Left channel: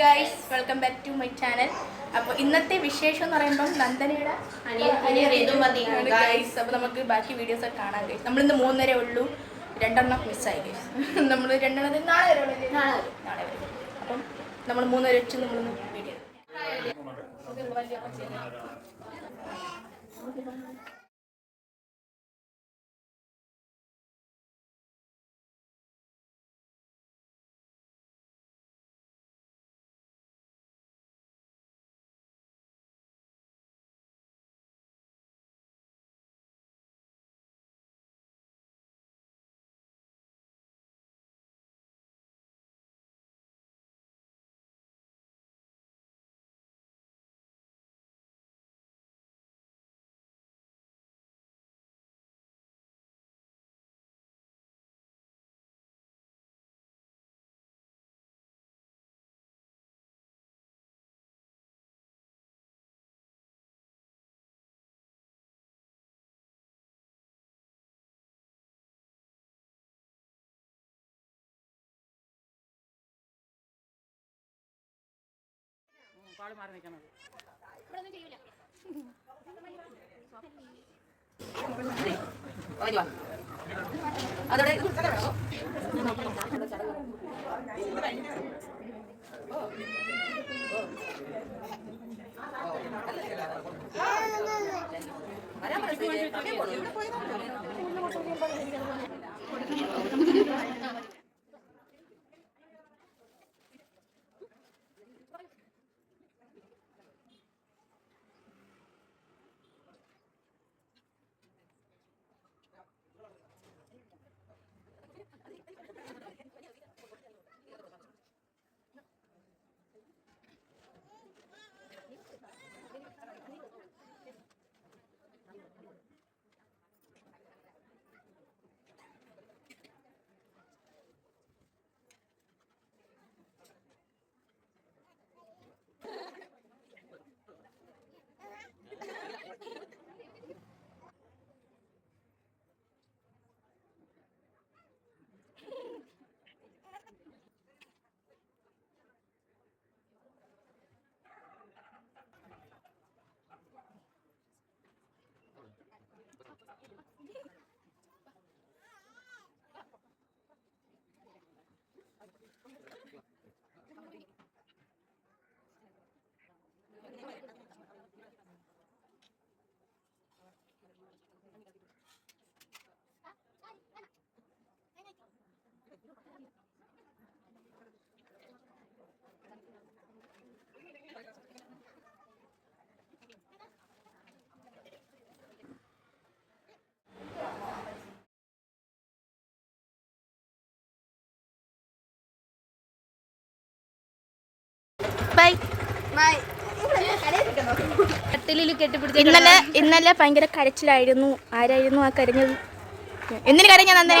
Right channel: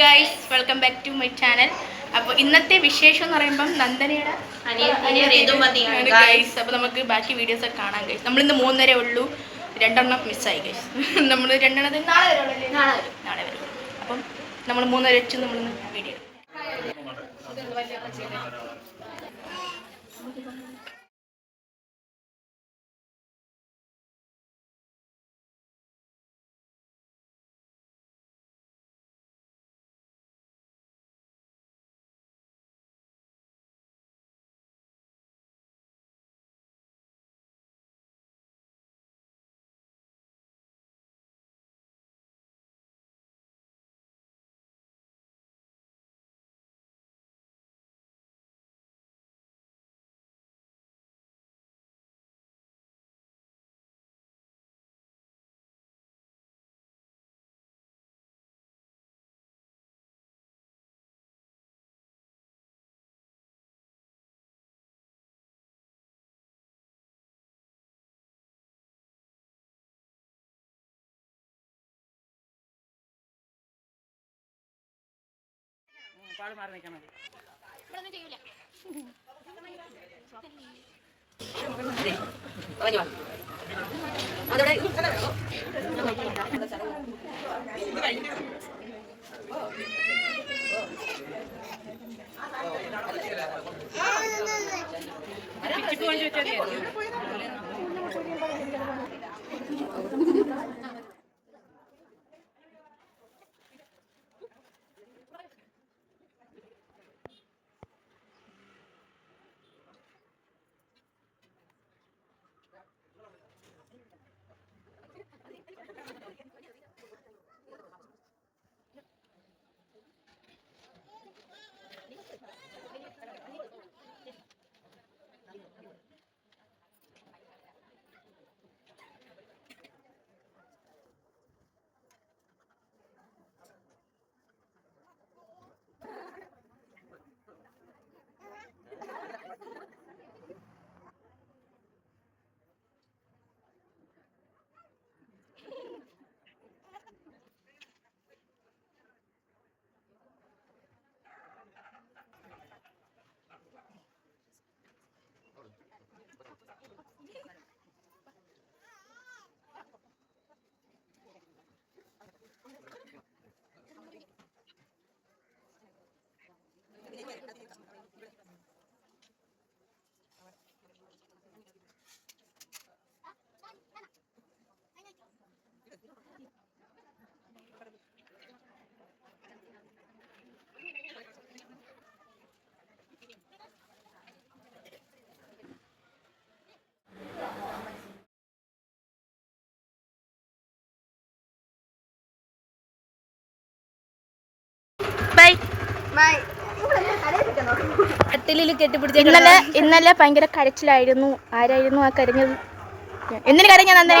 Guys, welcome back to my channel. അപ്പോൾ ഇന്നത്തെ വിശേഷം എന്ന് പറയുമ്പം നന്ദനയുടെ ഗൈസ്. അപ്പോൾ നമുക്ക് ബാക്കി വീഡിയോസ് ഒക്കെ കാണാം ഗൈസ്. നമ്മളിന്ന് 3:30 ഉള്ളൂ, 2 മിസ്സായി ഗൈസ്. നമ്മൾ 2 നാളെ വരും. അപ്പം നമ്മൾ 3:30 വെച്ച് നമ്മളിന്ന് വീഡിയോ പാട് മാറി നിൽക്കണം. ഇന്നലെ ഭയങ്കര കരച്ചിലായിരുന്നു. ആരായിരുന്നു ആ കരഞ്ഞത്? എന്തിനു കരഞ്ഞ നന്ദന?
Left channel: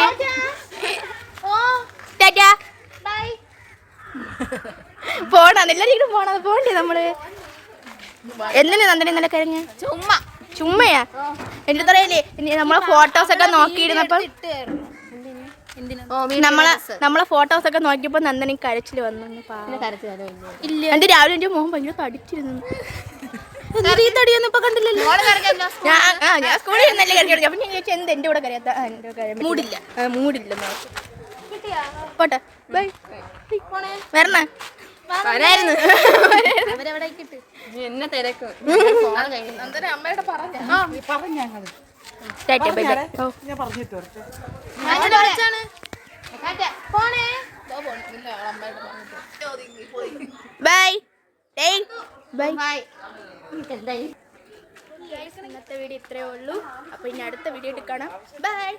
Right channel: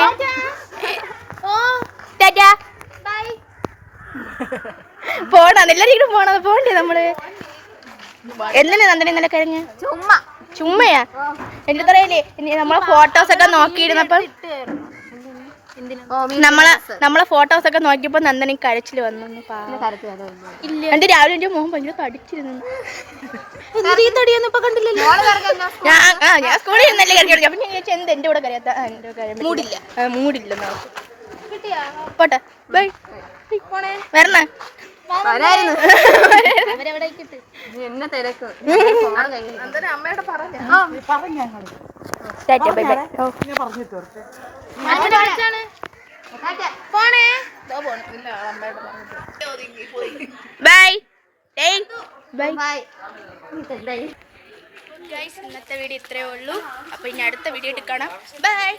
പോണ എല്ലാരും പോണത് പോണ്ടേ നമ്മള്? എന്തിനാ നന്ദന ഇന്നലെ കരഞ്ഞ? ചുമ്മയാ? എനിക്ക് അറിയില്ലേ, നമ്മളെ ഫോട്ടോസ് ഒക്കെ നോക്കിയിരുന്നപ്പം നമ്മളെ ഫോട്ടോസ് ഒക്കെ നോക്കിയപ്പോ നന്ദന കരച്ചില് വന്നു. എന്റെ രാവിലെ എന്റെ മോഹൻ ഭയങ്കര തടിച്ചിരുന്നു. ഞാൻ സ്കൂളിൽ നിന്നല്ലേ കരഞ്ഞു. അപ്പൊ ഞാൻ ചോദിച്ചു എന്ത് എന്റെ കൂടെ കരയാത്ത? മൂടില്ല. പോട്ടെ, ബൈ. വരണ എന്നെ തിരക്കും. ഇന്നത്തെ വീഡിയോ ഇത്രയേ ഉള്ളൂ. അപ്പൊ ഇനി അടുത്ത വീഡിയോ കാണാം. ബൈ.